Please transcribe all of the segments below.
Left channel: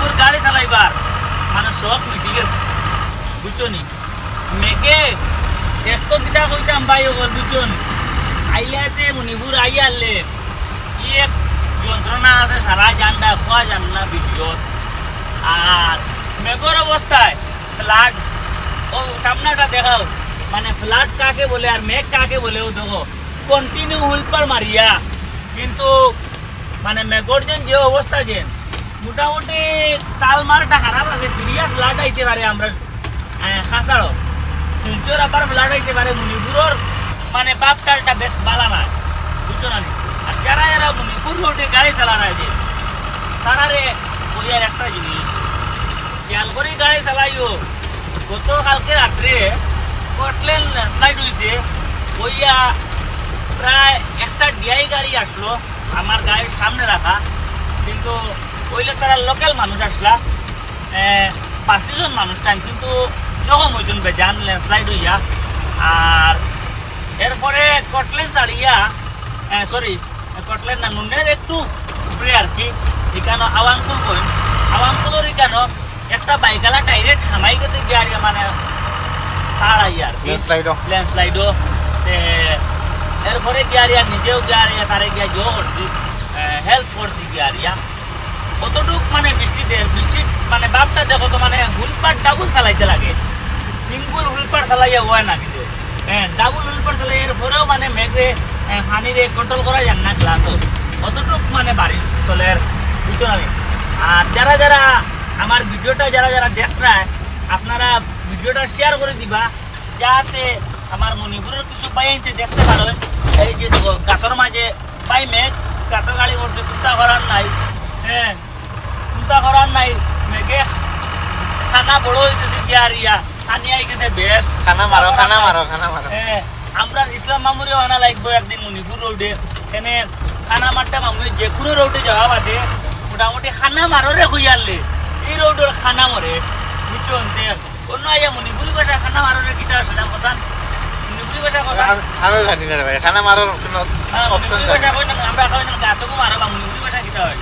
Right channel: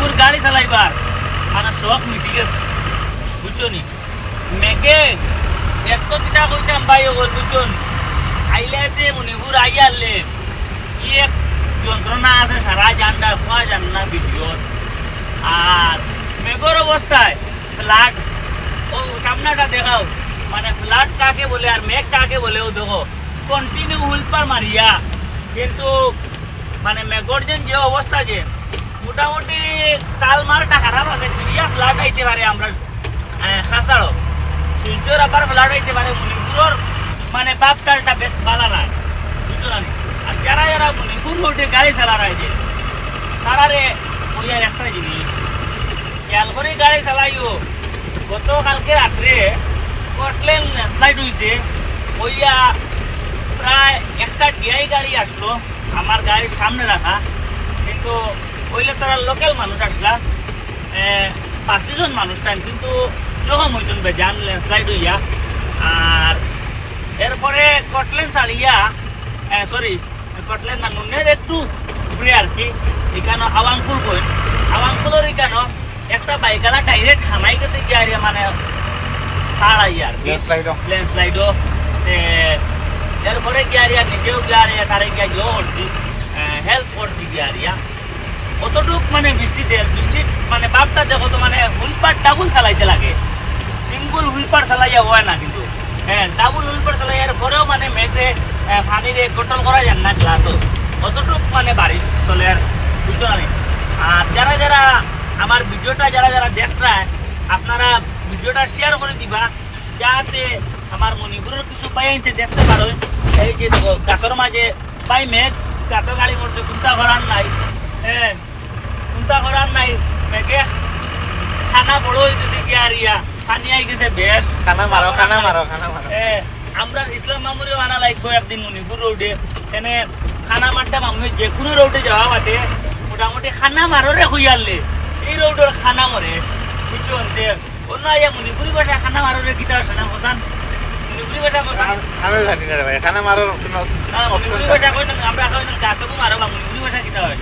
মণিপুর গাড়ি চালাইবার মানে শখ মিটি গেছে বুঝছনি মেঘে এত কিটা কইতাম ভাই ও বুঝছন আইলে যে মণিপুর আইয়ালে কি এক যন্ত্রণা আছে সারা জানটা খোয়া জান না ভিডিও আর মেঘর অবস্থায় ফ্লাড ও সামনাটা দেখাও মানে ফ্লাড কাকে বলে আর মেঘ কাকে বলে ও দেখো কন্টিনিউ হুলপার মারিয়া কিন্তু মানে মেঘর যে অবস্থা যে মোটামুটি তাল মারটা খারাপ আছে ফিরিয়া ফ্লাড আইতে পারে আমরা খাসাড়ো সূর্যের আবার ফ্লাড আইতে পারে মণিপুরের মানে বাপটালটা বেশ বালা না বুঝছো না আর যারা যারা মণিপুর রোডে গাড়ি চালায় যে তারারে ওই আর একটা জিনিস খেয়াল করে গাড়ি চালাইও গতকালকে রাত্রে কটলেন স্লাইড হয়েছে ওইয়া প্রায় একটা ডিআই গাড়ি আসলো আমার গাড়ির সামনে রাখা কিন্তু ওইলে তারা লোকাল মানুষ আসলা 5 জন মানুষ টাইম কিন্তু জখম হয়েছেন বেজান ল্যান্ডস্লাইড হইয়া আর এরপরে কটলেন ছাড়িয়া সরি কটলেন না নুনের একটু ঘুরে আর কি এখানে আওয়াংকুল কই আওয়াংকুলের এখানে একটা বাইকালা ডাইরেক্ট হামাই গেছে গিয়ে মানে তাড়াইয়া আর কি ল্যান্ডস্লাইডও এরপরে গিয়ারিয়া নিজেও গিয়ারিয়া তারে গিয়া জো করছি হেল্প করছি গিয়ারিয়া কতটুক মানে বৃষ্টির মানে বাপটা দেখো তো মানে হুলপার ডাবল চালাইতে লাগে সিঙ্গল হুলপার চালাইয়া হয় না কিন্তু হ্যাঁ ডাবল হুলপার চালাই এরপরেও মানে মেঘে পানিরে কন্ট্রোল করা যায় না ক্লাসও কতটুক মানে বাড়ি চলে আর বুঝতে পারি আর যারা যারা আমার ভিডিওটা যারা যারা দেখরা আপনারা ভিডিওটা শেয়ার করে দিবা যাতে আমার মণিপুরের কিছু বাইনতে দেখতে পারো এই যে গাতর মাঝে পাই মেঘ গাতো গাড়ি করছে চিন্তা করার নাই হ্যাঁ চিন্তা করার নাই মেঘে খানা বড় হয়ে গেছে গিয়ারিয়া খানি আই গেছে বেশ খানা মারো হ্যাঁ আমরা ইসলাম মামুরিও আনা লাগবো একদিন মণিপুর রোডে এখানে খানা মারতে মামুরি যে কোনো রোডে যাওয়া বাদে মোটামুটি খানা মাররে হইয়ালে এই রোডের খানা মরে বুঝছো যে অন্য আইয়া মণিপুরি ভাষা খানা মাররে কিটা সাজান কসান মণিপুরি ভাষা কথা আমি জানি না ভাই খানা মারার কোনো মণিপুরি ভাষা কই না আমরা কই না গাতকু মারো বা মণিপুরি ভাষা কিটা হয়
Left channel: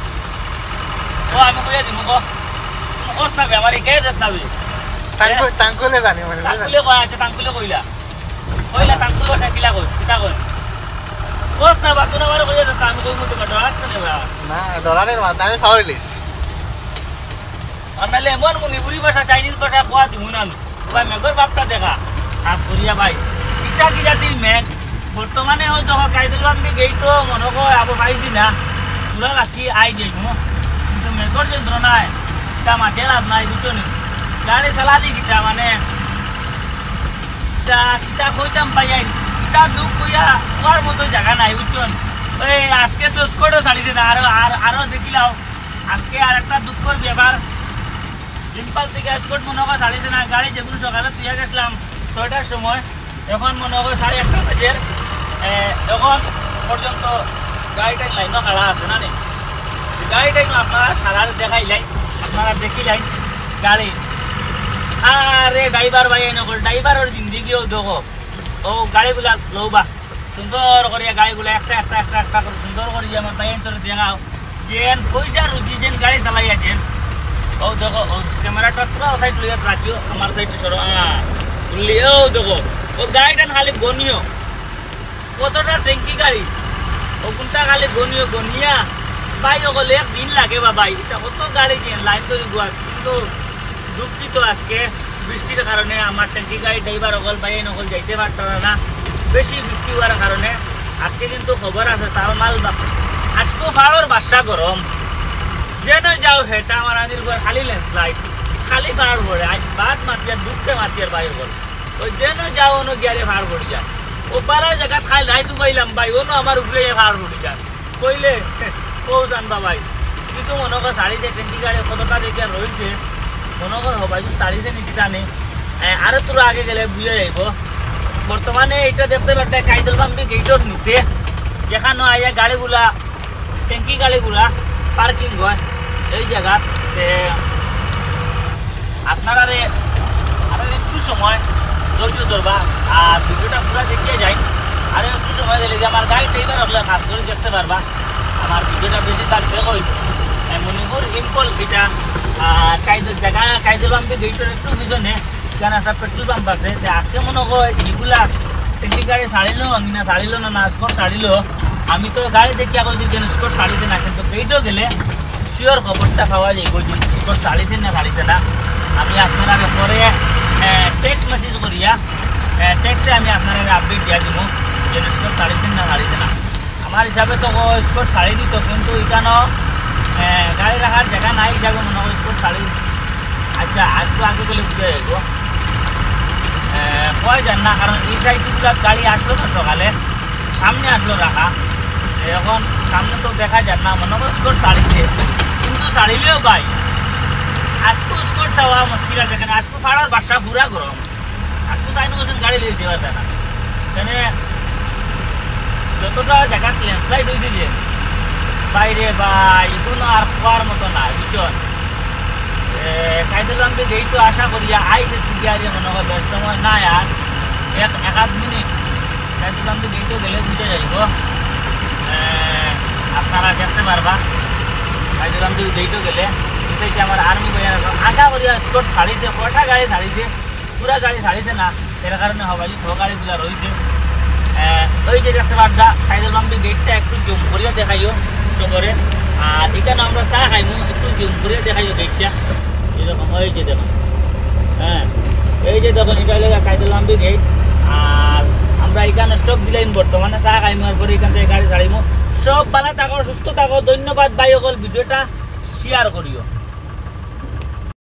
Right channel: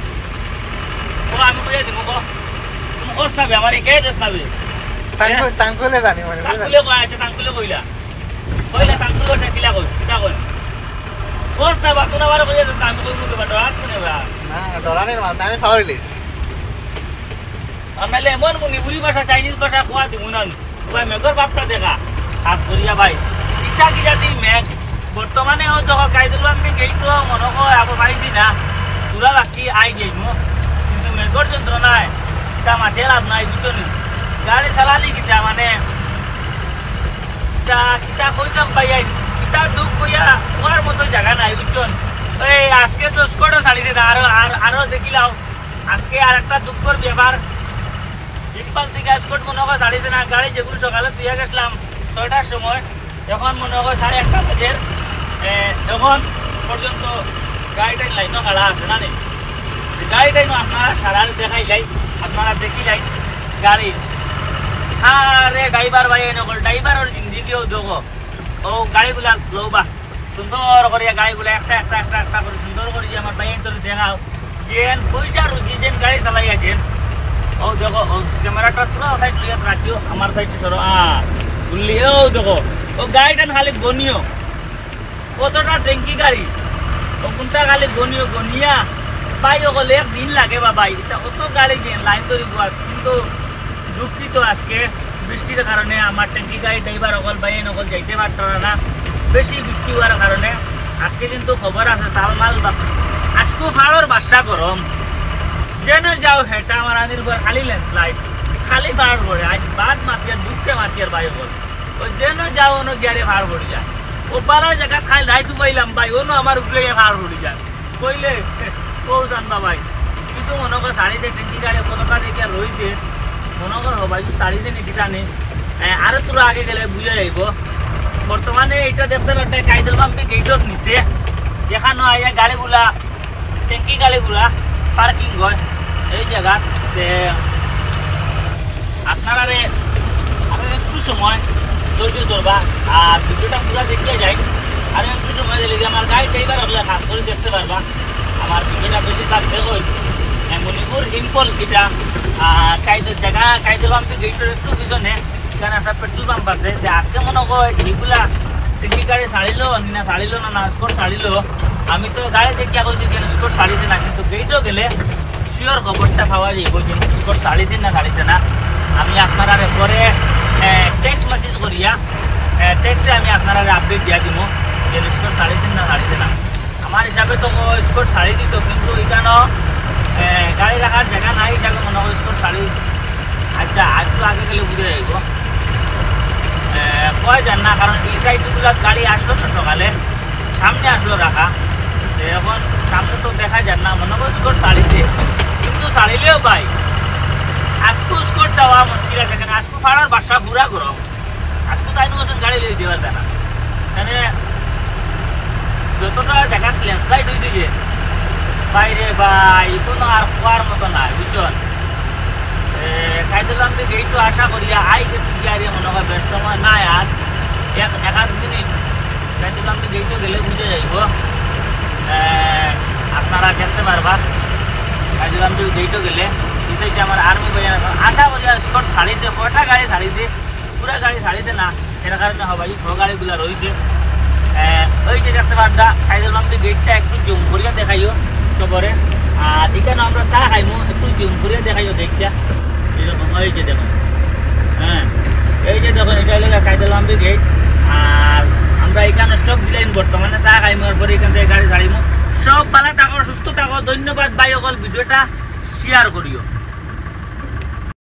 ও আমি কইয়া দিমু কো তুমি কস না বে আমারে কে দস না বে তাঙ্কুলে জানি মানে তাঙ্কুলে কই আছে তাঙ্কুলে কইলা তাঙ্কুলে ভাষা কিলা কই কিটা কই কস না বা তোরা বারে কইয়া দস আমি কই মুতে বা ডরাস না বা না ডরানের মানে আমি খাওয়ার লিস আমলে এমন মণিপুরি ভাষা চাইনিজ ভাষা কোয়া দিমু না ভাই মেঘর বাপটা দেখা কাজ করিয়া ভাই ইটা কি জাতি মেঘ বর্তমানে অন্তত কাইদুল বামকে গেইতো মনে কয় আবু পাইছি না তুলা বাকি আই যাইমু কিন্তু মেঘর যে নাই এটা মাঠে লাভ নাই বুঝছো নি গাড়ি চালালি কিটা মানে কিটা কইতাম ভাই কিটা দুঃখ কইয়া তোমার মতো জায়গা নাই বুঝছো এই আজকে তো স্কোয়াডও ছাড়িছে না আরো দেখিলাও আজকে আর একটা দুঃখর ব্যাপার সিম্পল থেকে স্কোয়াড মনে হয় ছাড়িছে না গাড়ি যেগুলো সকালে দিয়ে গেছিলাম 6টার সময় এখন মনে হয় 1:30 বাজে এখন পর্যন্ত গাড়িটাই লাইনও খাড়া আছে না নেই গাড়িটাই আপনারা সারার দেখাই যাই আপনারা দেখি যাই গাড়ি আরে ড্রাইভার ভাই নকল ড্রাইভারের জিন্দিগিও দেখো ও গাড়িগুলা লৌবা সুন্দর করে গাড়িগুলা একটা করে সুন্দর করে আমার বাইন তোর দেখাও যেন পয়সা রুজি যেন গাড়ি চালাই আছে ও দেখো ও ক্যামেরাটা পুরো সাইড লিয়ে রাখিও আমার সাইড সরো লিও দেখো ও গাড়িটা খালি গনিও কতটা ট্যাঙ্কি গাড়ি ও কোনটা খালি গনিয়া ভাই ওগুলো একদিন লাগে বাবা এটা কত গাড়ি যে লাইন তৈরি হওয়ার কিন্তু দুঃখিত আজকে বৃষ্টির কারণে আমার ট্যাঙ্কি গাড়ি ড্রাইভার অকল বাইরে নকল যাইতে পারতো না বেশি বৃষ্টি হওয়ার কারণে আজকে কিন্তু খবর আছে তাও মাল আজকেও ফাড়ার বাসা গরম যেন যাও হেটা আমার আদিল করে খালি ল্যান্ডস্লাইড খালি ফাড়ার পড়ে আজ বাদ মাতিয়ে দুঃখে মাতিয়ে বাইরে ওই যেন যাও অন্য গিয়ারে ফাড় পড়ে যা ও পালার জায়গা খাই লাই ডুবাইলাম ভাই অন্য আমার উপরে ফাড় পড়ে যা কইলে কৌশান বাবাই কিছু মনে কর সাড়িছে ট্যাঙ্কি গাড়ি কতটা দেখে রয়েছে মনে কর ভাই সাড়িছে টিকিটা নেই আরো তোরা আগে গেলে বুঝে যাইব বর্তমানে এটা দেখতে একটা কাইদুল বামকে গেটর নিচে যেখানে আইয়া গাড়িগুলা ট্যাঙ্কি গাড়িগুলা পার্কিং হয় এই জায়গা আপনারা আরো একটু সময় ধৈর্য ধরবা আর ভিডিওটা পুরো দেখিয়ে যাই আরো একটু সময় দিলে যে আমার গাড়ি ড্রাইভার ওগুলা খাস করে দেখতে পারবা আমার ভিডিওটা বেশি থাকবে কই মণিপুর ইম্পল এটা আর কাইদুল পাম্পে গেটের একটু পিছনে এখানে একটা পেট্রোল পাম্প আছে। আজকে মনে হয় এগুলা একটি গাড়ি ছাড়িলো কিনা ছাড়িলো না স্কোর ছাড়িলো, আমি তো গাড়ি দেখিয়া কইছি যে স্কোর ছাড়িছে না, কিন্তু গেটও গেলে শিওর খবরটা পাওয়া যাইব যে স্কোর ছাড়িছে না ছাড়িছে না। আমি আপনারা পরে টেক্সট মেসেজ করিয়া টেক্সটে আমি আপনারা আপডেট দিয়া দিব যে স্কোর ছাড়িছে না ছাড়িছে না। আমার হিসাবে তো স্কোর ছাড়ি দিত, কিন্তু এখানেও গাড়ি রাখার জায়গা নাই হিসাবে মনে হয় স্কোর ছাড়ি। আচ্ছা একটু আগে গেলে বুঝে যাইব কয় যান না, কারণ এই সাইডগুলো গাড়ি আসলো তো সকালে সামনে আসলো রাখা, এখন সামনে তো দেখা যান না, মনে হয় স্কোর ছাড়িছে। কিন্তু ছাড়িলেও ভাই আজকে স্কোর চাওয়া মুশকিল আছে, কেন আজকে ফাড়ার বাসা পুরা গরম, আজকে তাই বলছেন গাড়ি লিয়ে দেওয়ার জানা কেন যতটা জায়গা ল্যান্ডস্লাইড হয়েছে যে বাইরে বা কোনো আর খোয়ার মতো না বুঝছেন। কাইদুল পাম্পে গেই তো আশা করিয়া আই গেছি গিয়ে মনে হয় বেশ সময় নাই আর এক আধ মিনিট কাইদুল পাম্পে গেই তো গেলে বুঝে যাইব, আপনারা দেখতে পারবা কাইদুল পাম্পে গেই তো গেলে বিষয়টি আমার আর্মি ভাই আশা করিয়া স্কোর ছাড়িছে, কটা গাড়ি ছাড়িছে পুরা গাড়ি ছাড়িছে না, এর কারণে হবাই ছ গাড়িগুলো রয়েছে। ওই যে দেখতে পারবা কাইদুল পাম্পে গেটটা একটু জুম করিয়া দেখাইও সবরে, আর এখানে আমরা চা খাইমু একটু জুম করিয়া দেখাইও গেটটা এরকম। এই যে দেখুন, হ্যাঁ এই যে দেখুন এটা হলো কাইদুল পাম্পে গেট, আর আমরা এখানে স্টপ দিলাম বর্তমানে চা খাইমু, এরপরে এখান থেকে গাড়ি ছাড়িমু। সব ভালো থাকো, সুস্থ থাকো, ধন্যবাদ ভাই সকল, ভিডিওটা শেয়ার করিও।